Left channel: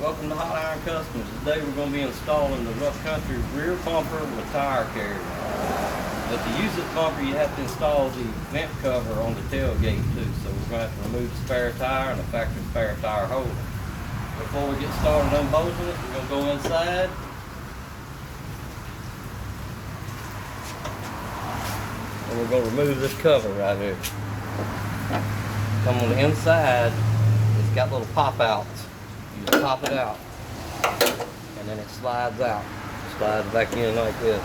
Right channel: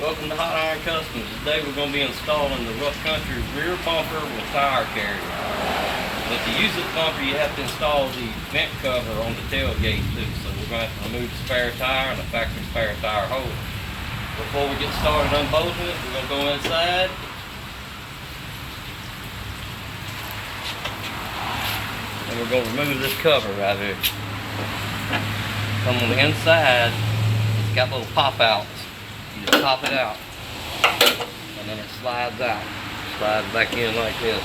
Welcome to Hot Iron Customs. Today we're going to be installing the rough country rear bumper with tire carrier. But to use this bumper you have to install the vent cover on the tailgate too. So we're going to have to remove the spare tire and the factory spare tire hole. Before we get started unbolting it, we're going to go inside. And we're going to remove this cover right here. Come on the inside, it's got little pop outs. You just pop it out, and then it slides out. Slides back in like this.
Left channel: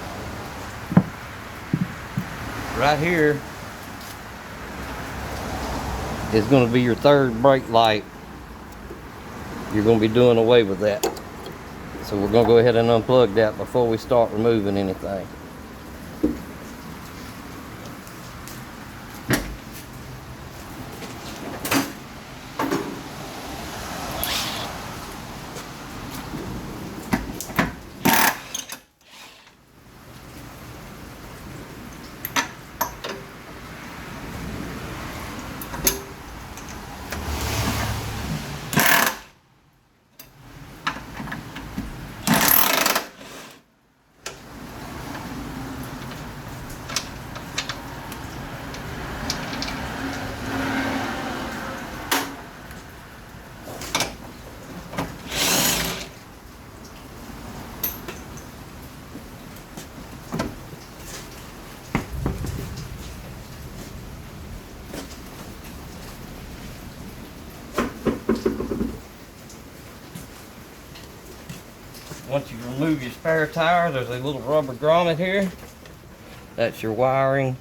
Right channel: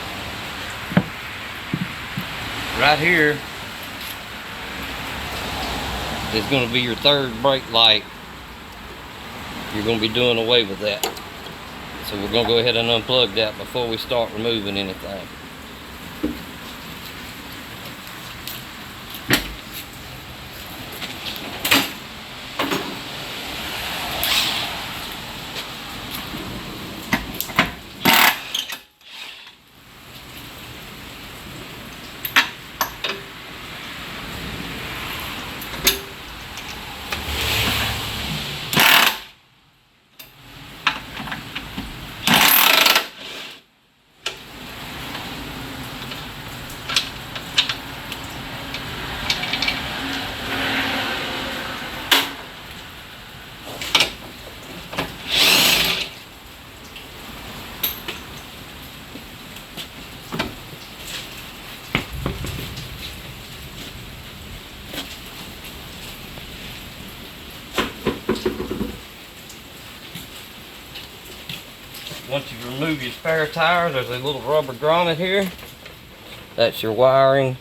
Right here is going to be your third brake light. You're going to be doing away with that. So we're going to go ahead and unplug that before we start removing anything. Once you remove your spare tire, there's a little rubber grommet here. That's your wiring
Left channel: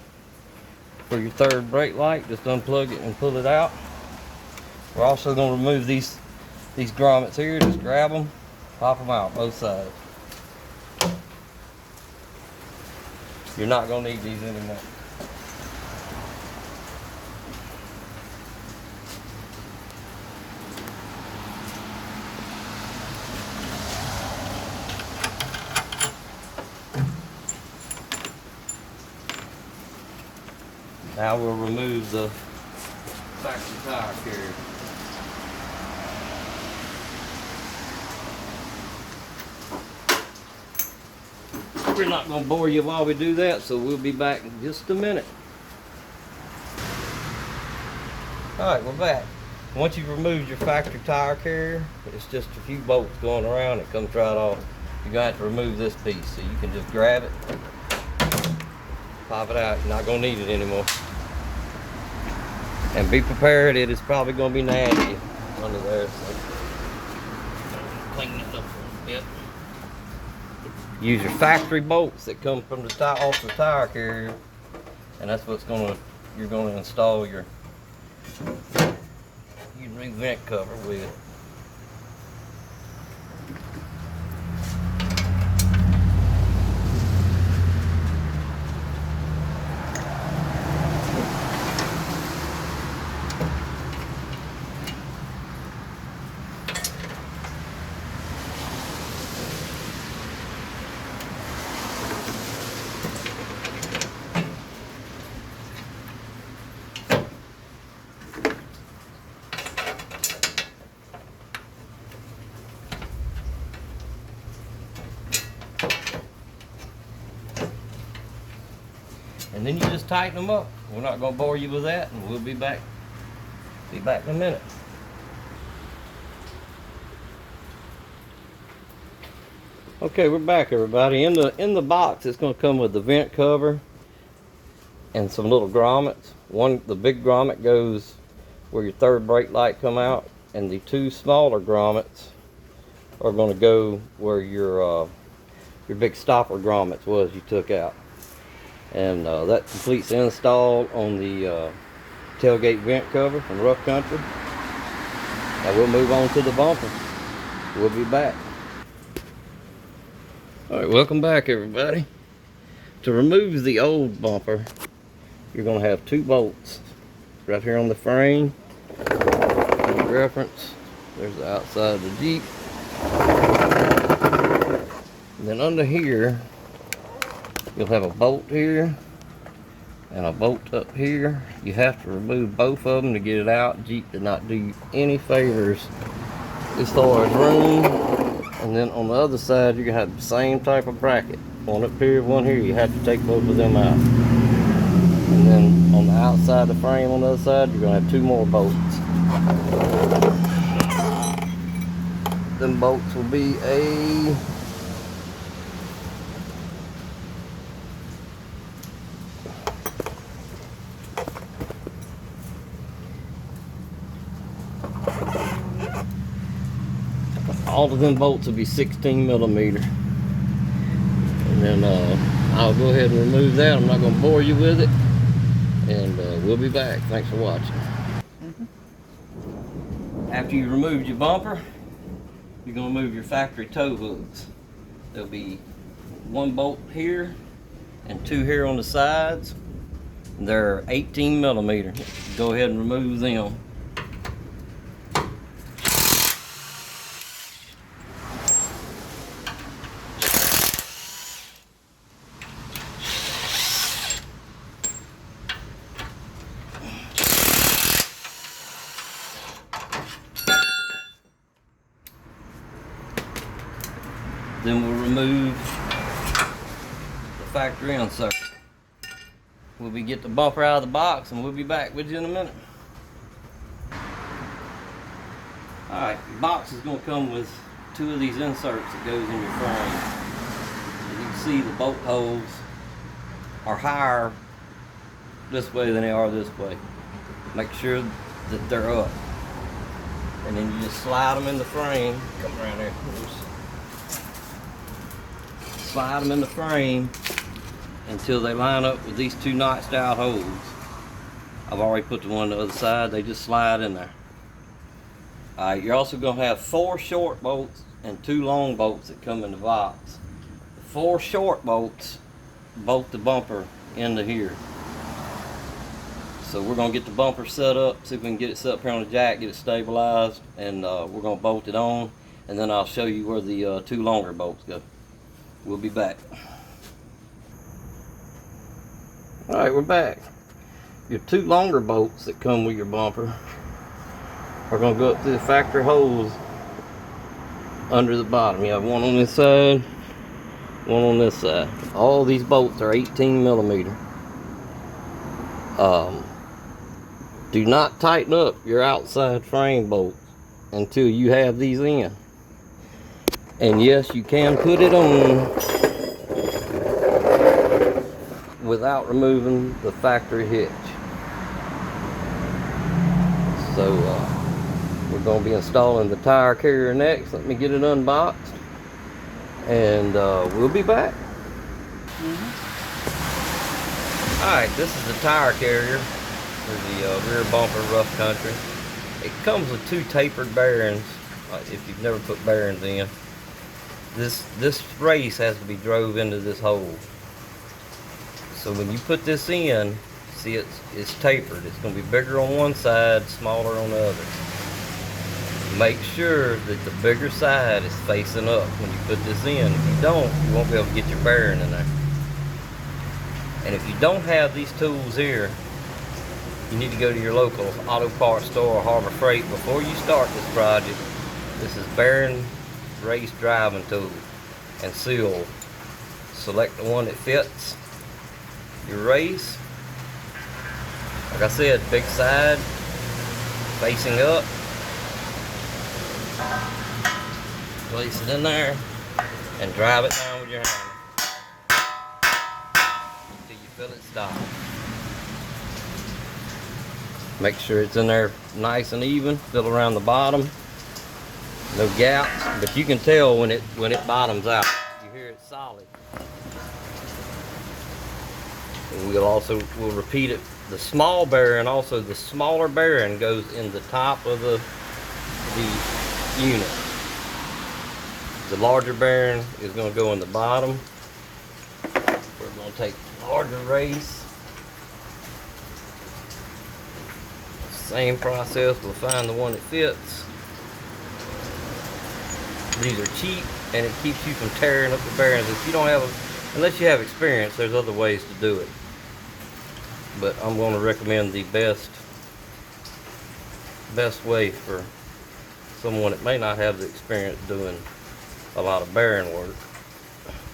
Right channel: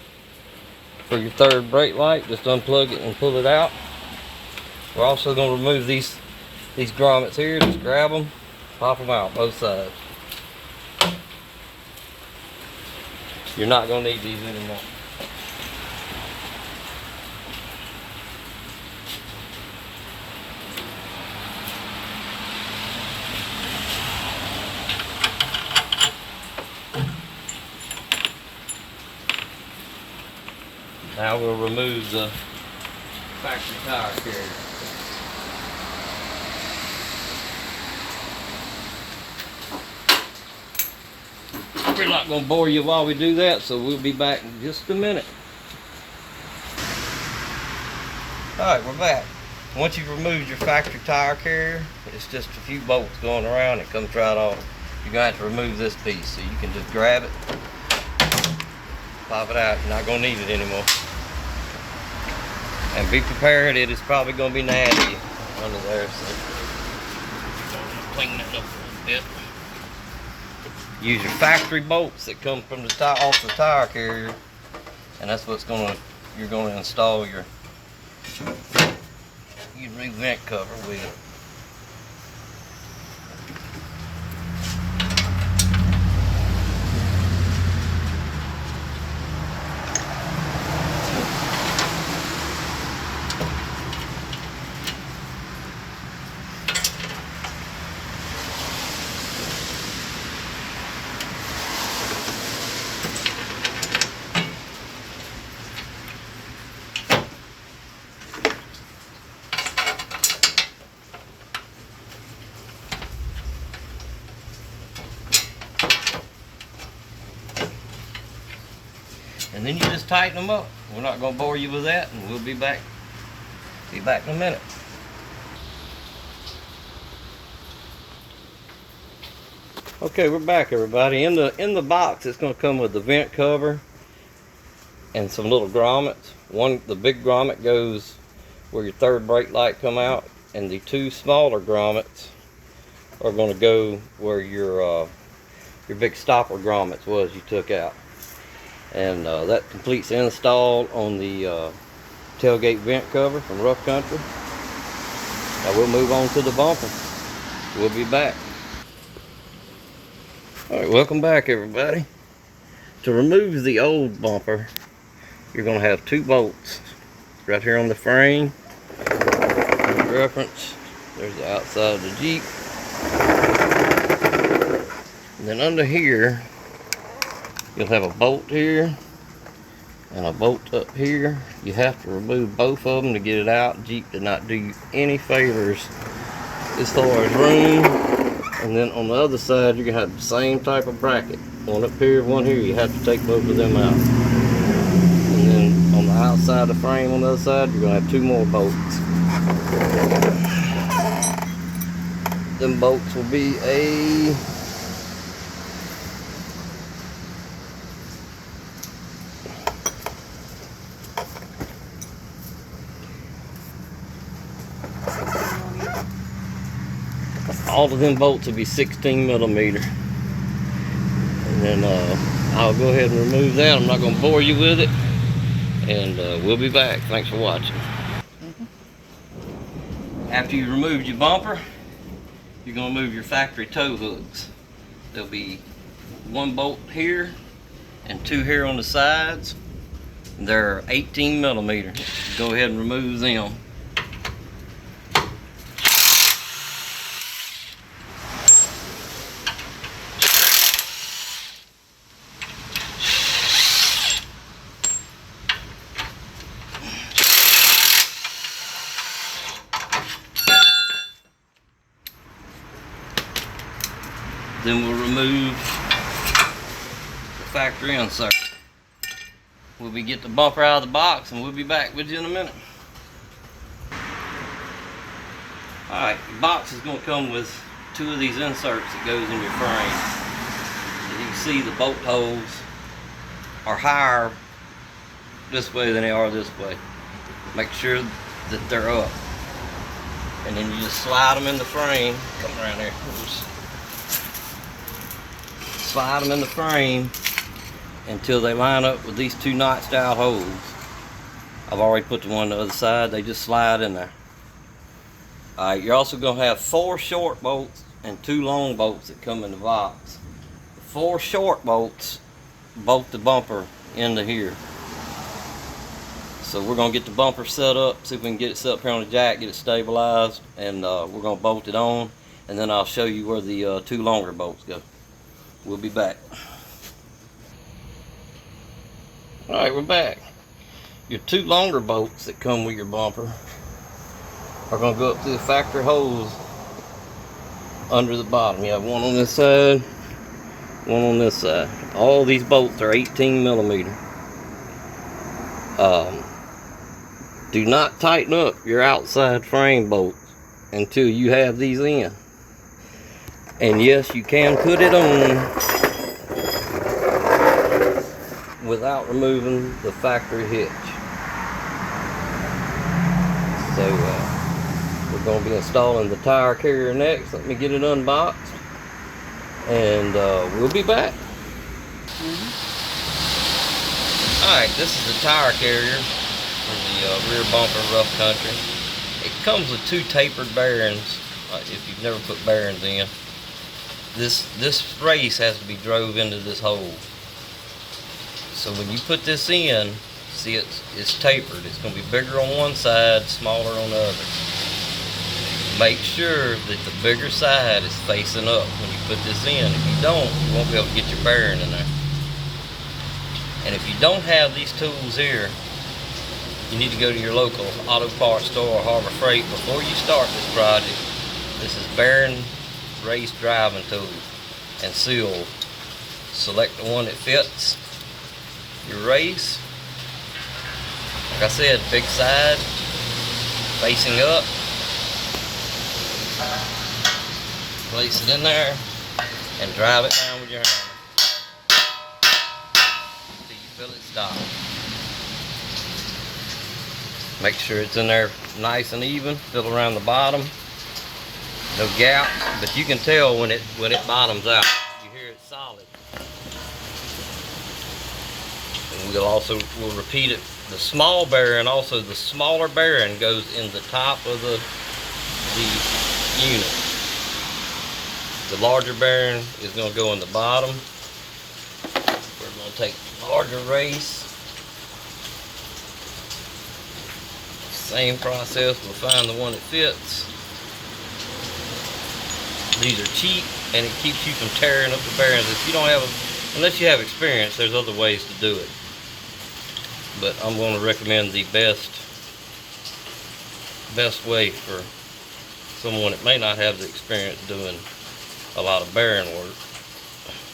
for your third brake light. Just unplug it and pull it out. We're also going to remove these grommets here. Just grab them, pop them out both sides. You're not going to need these anymore. Now we'll remove the factory tire carrier. We're not going to bore you while we do that, so we'll be back in just a minute. Alright, we're back. Once you've removed your factory tire carrier, it's just a few bolts going around. It comes right off. You're going to have to remove this piece, so you can just grab it, pop it out. You're not going to need it anymore. And be prepared, it is probably going to be nasty under there, so clean that up a little bit. Use your factory bolts that come from the off the tire carrier, and that's what's you're going to install your vent cover with. And then you just tighten them up. We're not going to bore you with that, and we'll be back in a minute. Okay, we're back, everybody. In the box, it's going to come with the vent cover and some little grommets. The big grommet goes where your third brake light come out, and the two smaller grommets are going to go where your big stopper grommets was you took out. And that completes the install on the tailgate vent cover from Rough Country. Now we'll move on to the bumper. We'll be back. Alright, welcome back, everybody. To remove the old bumper, you're going to have two bolts right here on the frame. Reference, there's the outside of the Jeep. And then under here, you'll have a bolt here and a bolt up here. You have to remove both of them to get it out. Jeep did not do you any favors as far as room. And then on the other side, you're gonna have the same type of bracket. One up here, one here. You have to take both of them out. And then on the outside of the frame on the other side, you're gonna have 2 more bolts. Them bolts will be a all of them bolts will be 16 millimeter. And then I'll go ahead and remove that. I'm not going to bore you with it. And we'll be back. Thanks for watching. After you removed your bumper, you're going to move your factory tow hooks. There'll be 1 bolt here and 2 here on the sides. They're 18 millimeter. Go ahead and remove them. Then we'll remove the factory insert. We'll get the bumper out of the box and we'll be back with you in a minute. Alright, your box is going to come with 2 of these inserts that goes in your frame. As you can see, the bolt holes are higher this way than they are this way. Make sure that they're up. And then you just slide them in the frame. Come around there. Slide them in the frame until they line up with these 2 notched out holes. I've already put the one on the other side. They just slide in there. Alright, you're also going to have 4 short bolts and 2 long bolts that come in the box. The 4 short bolts bolt the bumper into here. So we're going to get the bumper set up, see if we can get it set up here on the jack, get it stabilized, and we're going to bolt it on, and then I'll show you where the 2 longer bolts go. We'll be back. Alright, we're back. Your 2 longer bolts that come with your bumper are going to go up through the factory holes under the bottom. You have 1 on this side, 1 on this side. All these bolts are 18 millimeter. Do not tighten up your outside frame bolts until you have these in. And yes, you can put it on without removing the factory hitch. So we're going to be installing the tire carrier next. Let me get it unboxed and we'll be back. Alright, this is the tire carrier for the rear bumper rough country. It comes with 2 tapered bearings if you've never put bearings in. This race has to be drove into this hole. So when you put this in, see it's tapered. It's going to be bigger on one side, smaller on the other. Make sure that the bigger side is facing up when you put this in. If you don't, you won't be able to get your bearing in there. And if you don't have these tools here, you need to go to your local auto parts store or Harbor Freight before you start this project. This is bearing race driving tool and seal. Select the one that fits your race. Like I said, big side facing up. Place it in there and drive it down with your hammer until you feel it stop. Make sure it's in there nice and even. Fill around the bottom. No gaps, but you can tell when it bottoms out. You hear it solid. And we'll repeat it. The small bearing, also the smaller bearing, goes in the top of the unit. The larger bearing is going to go in the bottom. We're going to take the larger race. Same process. We'll find the one that fits. These are cheap, and it keeps you from tearing up the bearings. If you don't have, unless you have experience, there's other ways to do it. But I'm going to recommend the best way for someone that may not have the experience doing a lot of bearing work,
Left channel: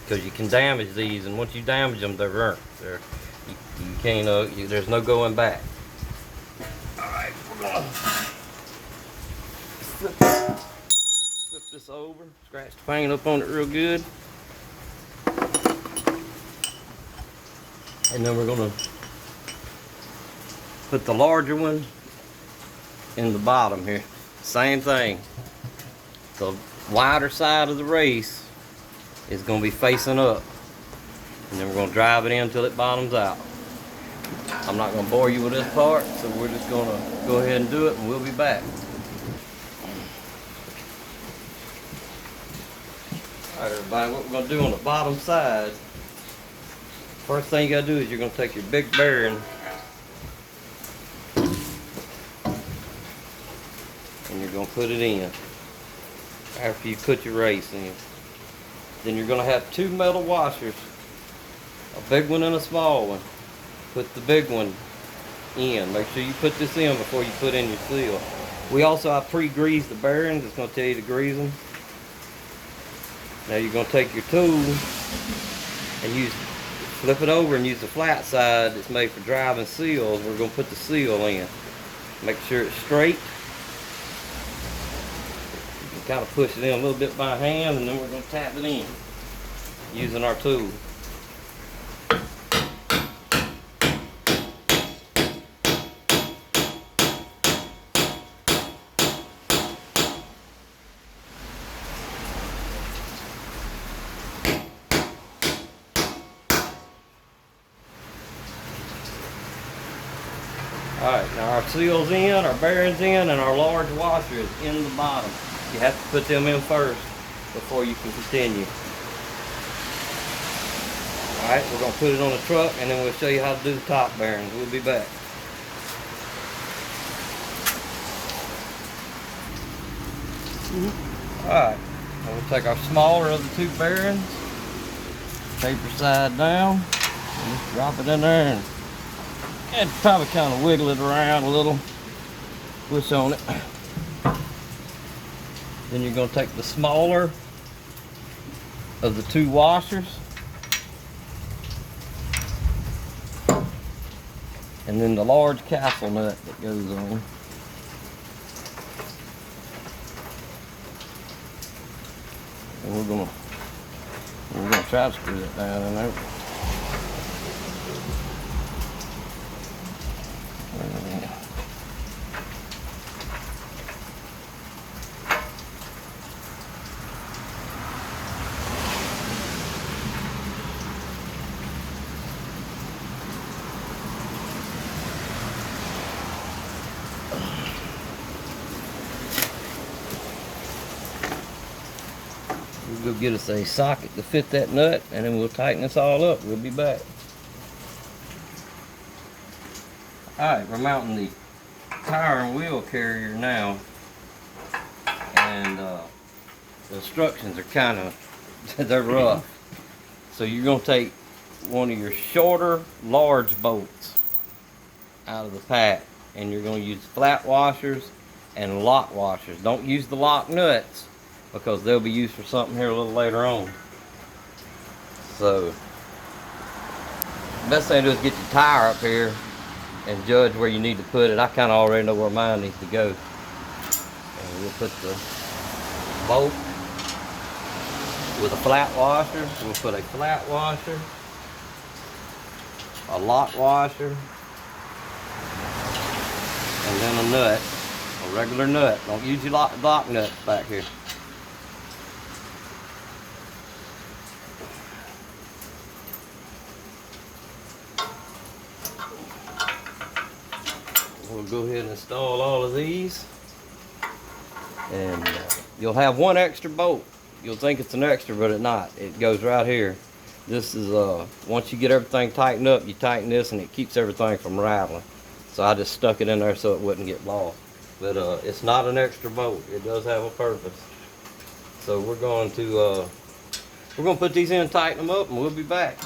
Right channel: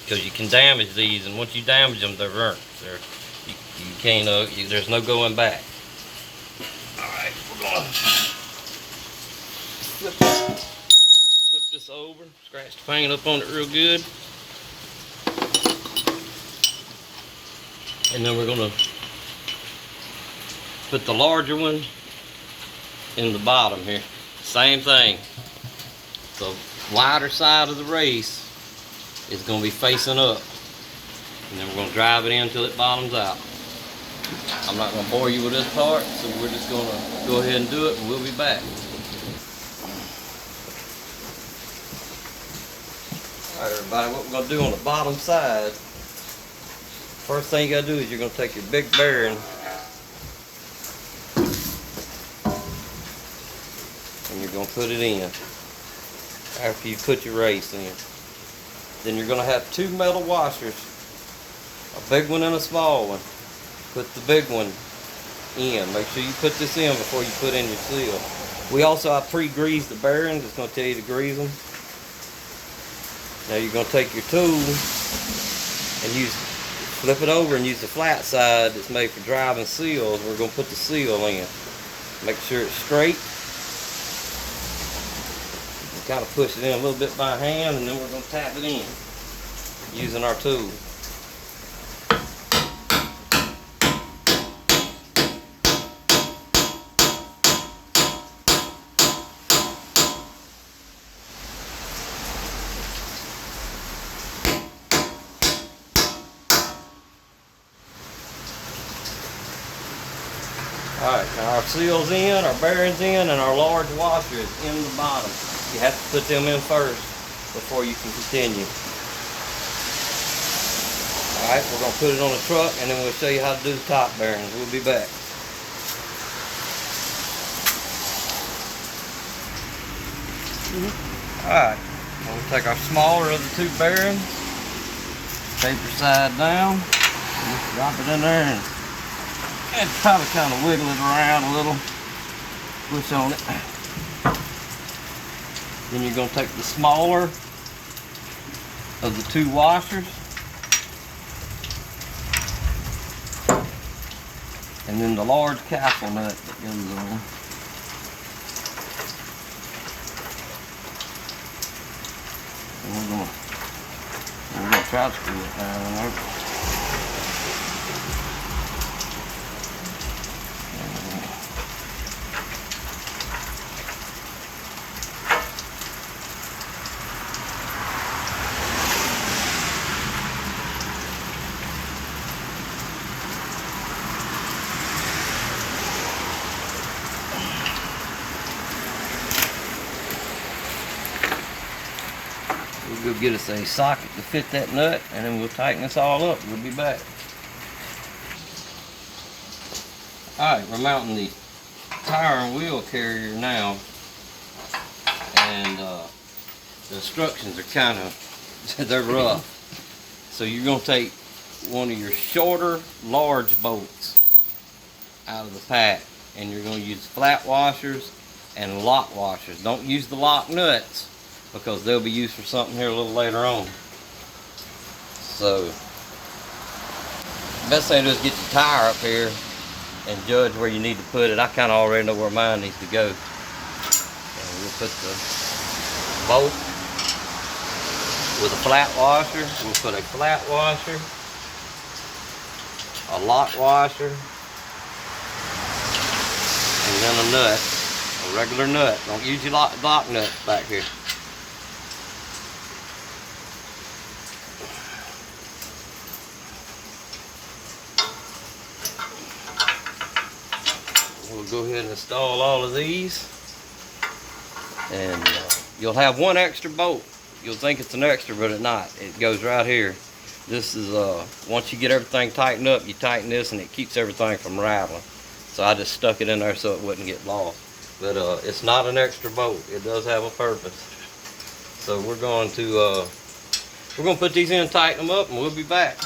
because you can damage these, and once you damage them, they're burnt. You can't. There's no going back. All right, we're gonna flip this over, scratch the paint up on it real good, and then we're gonna put the larger one in the bottom here. Same thing. The wider side of the race is going to be facing up, and then we're going to drive it in until it bottoms out. I'm not going to bore you with this part, so we're just going to go ahead and do it, and we'll be back. Alright everybody, what we're going to do on the bottom side, first thing you got to do is you're going to take your big bearing and you're going to put it in after you put your race in. Then you're going to have two metal washers, a big one and a small one. Put the big one in. Make sure you put this in before you put in your seal. I pre-greased the bearings. It's going to tell you to grease them. Now you're going to take your tool and flip it over and use the flat side that's made for driving seals. We're going to put the seal in. Make sure it's straight. Kind of push it in a little bit by hand, and then we're going to tap it in using our tool. Alright, now our seal's in, our bearing's in, and our large washer is in the bottom. You have to put them in first before you can continue. Alright, we're going to put it on the truck, and then we'll show you how to do the top bearings. We'll be back. Alright, now we'll take our smaller of the two bearings, paper side down, and just drop it in there, and probably kind of wiggle it around a little, push on it. Then you're going to take the smaller of the two washers, and then the large castle nut that goes on. And we're going to try to screw it down in there. We'll go get us a socket to fit that nut, and then we'll tighten this all up. We'll be back. Alright, we're mounting the tire and wheel carrier now, and the instructions are kind of, they're rough. So you're going to take one of your shorter, large bolts out of the pack, and you're going to use flat washers and lock washers. Don't use the lock nuts, because they'll be used for something here a little later on. So, the best thing to do is get your tire up here and judge where you need to put it. I kind of already know where mine needs to go. And we'll put the bolt with a flat washer. We'll put a flat washer, a lock washer, and then a nut, a regular nut. Don't use your lock nuts back here. We'll go ahead and install all of these, and you'll have one extra bolt. You'll think it's an extra, but it's not. It goes right here. This is once you get everything tightened up, you tighten this, and it keeps everything from rattling. So I just stuck it in there so it wouldn't get lost. But it's not an extra bolt. It does have a purpose. So we're going to put these in, tighten them up, and we'll be back.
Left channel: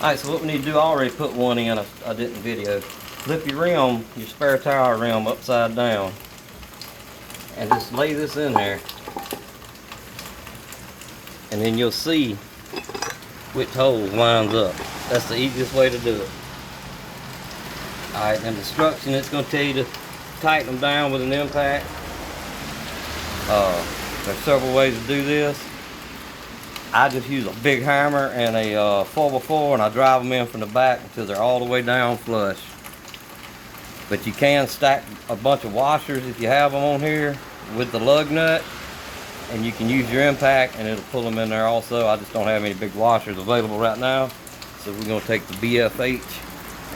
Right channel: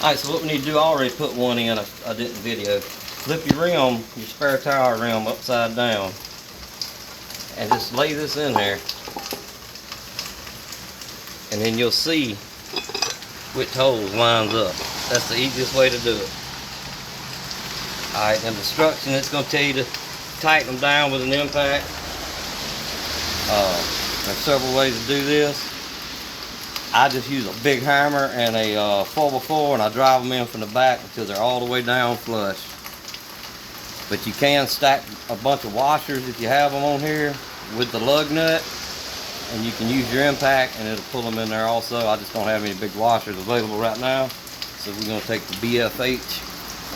Alright, so what we need to do, I already put one in, I didn't video. Flip your rim, your spare tire rim upside down, and just lay this in there, and then you'll see which holes lines up. That's the easiest way to do it. Alright, and the instruction, it's going to tell you to tighten them down with an impact. There's several ways to do this. I just use a big hammer and a 4x4, and I drive them in from the back until they're all the way down flush. But you can stack a bunch of washers if you have them on here with the lug nut, and you can use your impact and it'll pull them in there also. I just don't have any big washers available right now, so we're going to take the BFH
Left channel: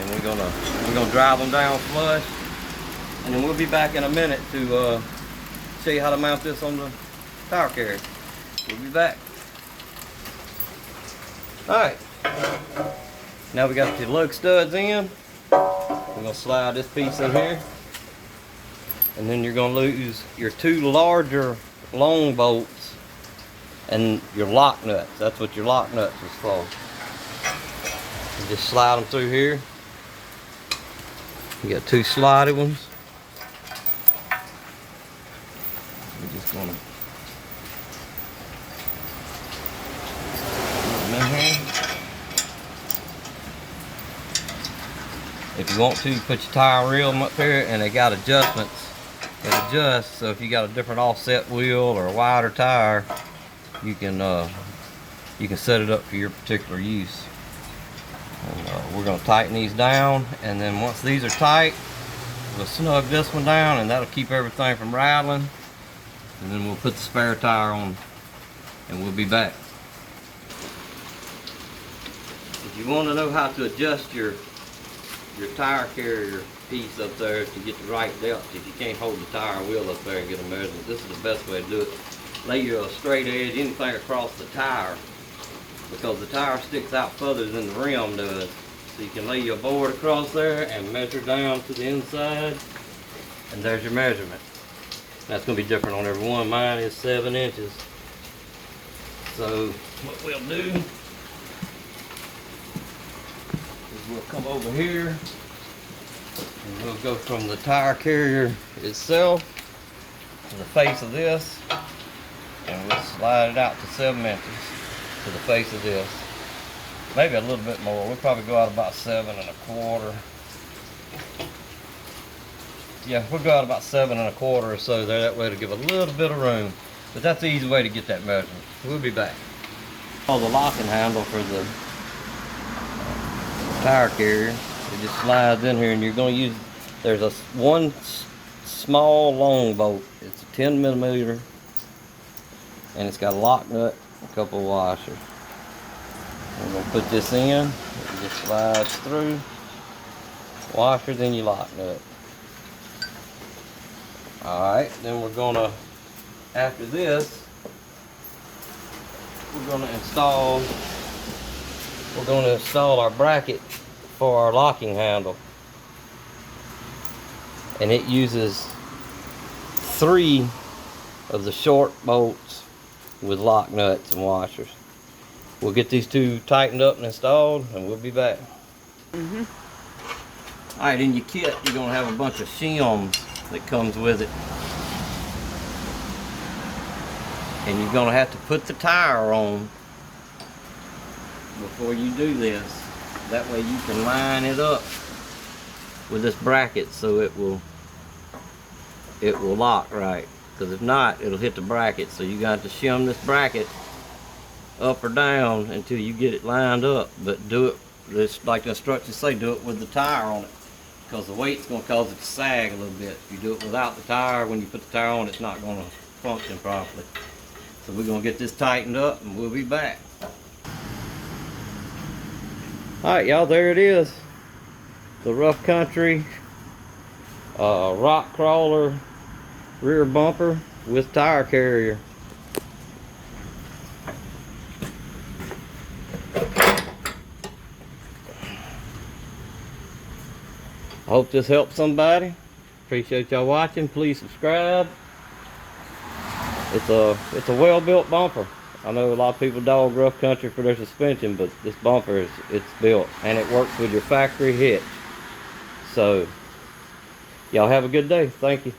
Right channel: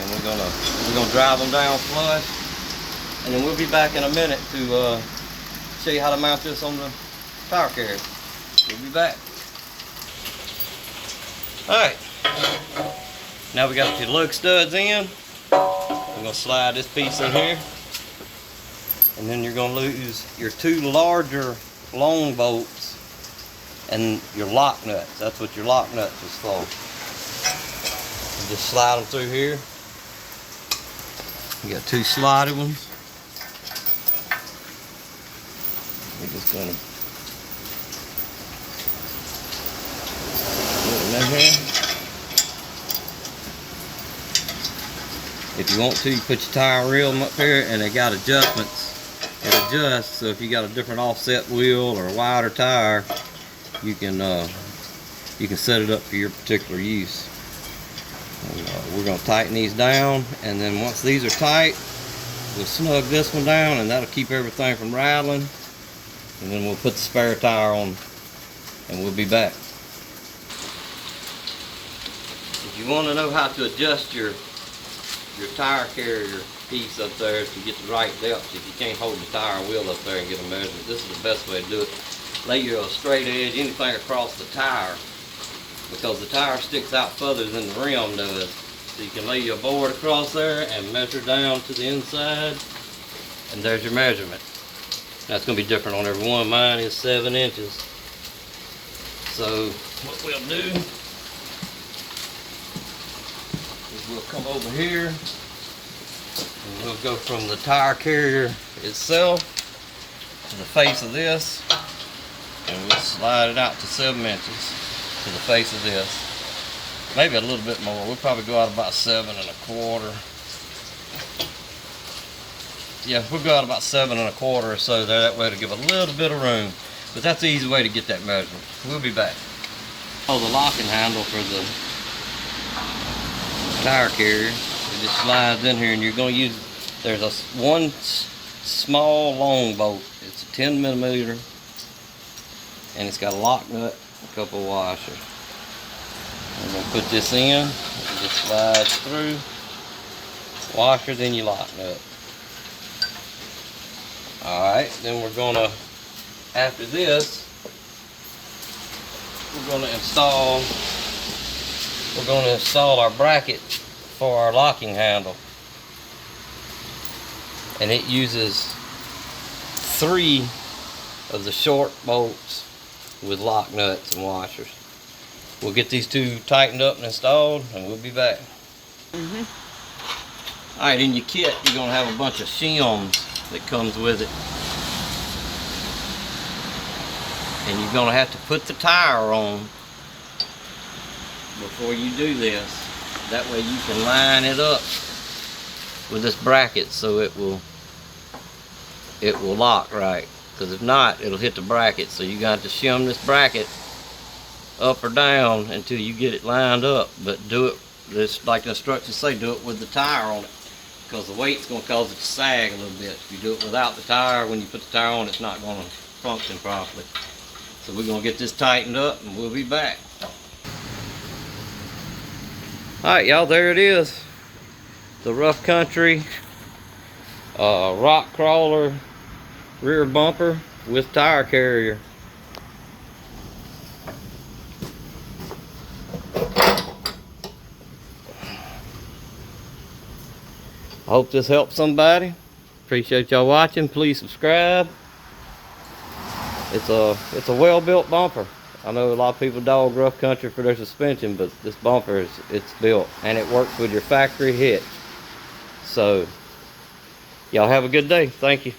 and we're gonna drive them down flush, and then we'll be back in a minute to show you how to mount this on the tire carrier. We'll be back. Alright, now we got your lug studs in. We're going to slide this piece in here, and then you're going to lose your two larger long bolts and your lock nuts. That's what your lock nuts is for. You just slide them through here. You got two slotty ones. We're just going to put them in here. If you want to, you put your tire reel up here, and they got adjustments that adjust. So if you got a different offset wheel or a wider tire, you can set it up for your particular use. And we're going to tighten these down, and then once these are tight, we'll snug this one down, and that'll keep everything from rattling. And then we'll put the spare tire on, and we'll be back. If you want to know how to adjust your tire carrier piece up there to get the right depth, if you can't hold the tire wheel up there and get a measurement, this is the best way to do it. Lay your straight edge, anything across the tire, because the tire sticks out further than the rim does. So you can lay your board across there and measure down to the inside, and there's your measurement. That's going to be different on every one. Mine is 7 inches. So what we'll do is we'll come over here, and we'll go from the tire carrier itself to the face of this, and we'll slide it out to 7 inches to the face of this. Maybe a little bit more. We'll probably go out about 7 1/4. Yeah, we'll go out about 7 1/4 or so there. That way to give a little bit of room. But that's the easy way to get that measurement. We'll be back. Oh, the locking handle for the tire carrier. It just slides in here, and you're going to use, there's one small long bolt. It's a 10mm, and it's got a lock nut, a couple of washers. We're going to put this in. It just slides through. Washer, then your lock nut. Alright, then we're going to, after this, we're going to install our bracket for our locking handle. And it uses 3 of the short bolts with lock nuts and washers. We'll get these 2 tightened up and installed, and we'll be back. Alright, in your kit, you're going to have a bunch of shims that comes with it. And you're going to have to put the tire on before you do this. That way you can line it up with this bracket so it will lock right. Because if not, it'll hit the bracket. So you got to shim this bracket up or down until you get it lined up. But do it, just like the instructions say, do it with the tire on it, because the weight's going to cause it to sag a little bit. If you do it without the tire, when you put the tire on, it's not going to function properly. So we're going to get this tightened up, and we'll be back. Alright, y'all, there it is. The Rough Country rock crawler rear bumper with tire carrier. I hope this helps somebody. Appreciate y'all watching. Please subscribe. It's a well-built bumper. I know a lot of people dog Rough Country for their suspension, but this bumper it's built, and it works with your factory hitch. So y'all have a good day. Thank you.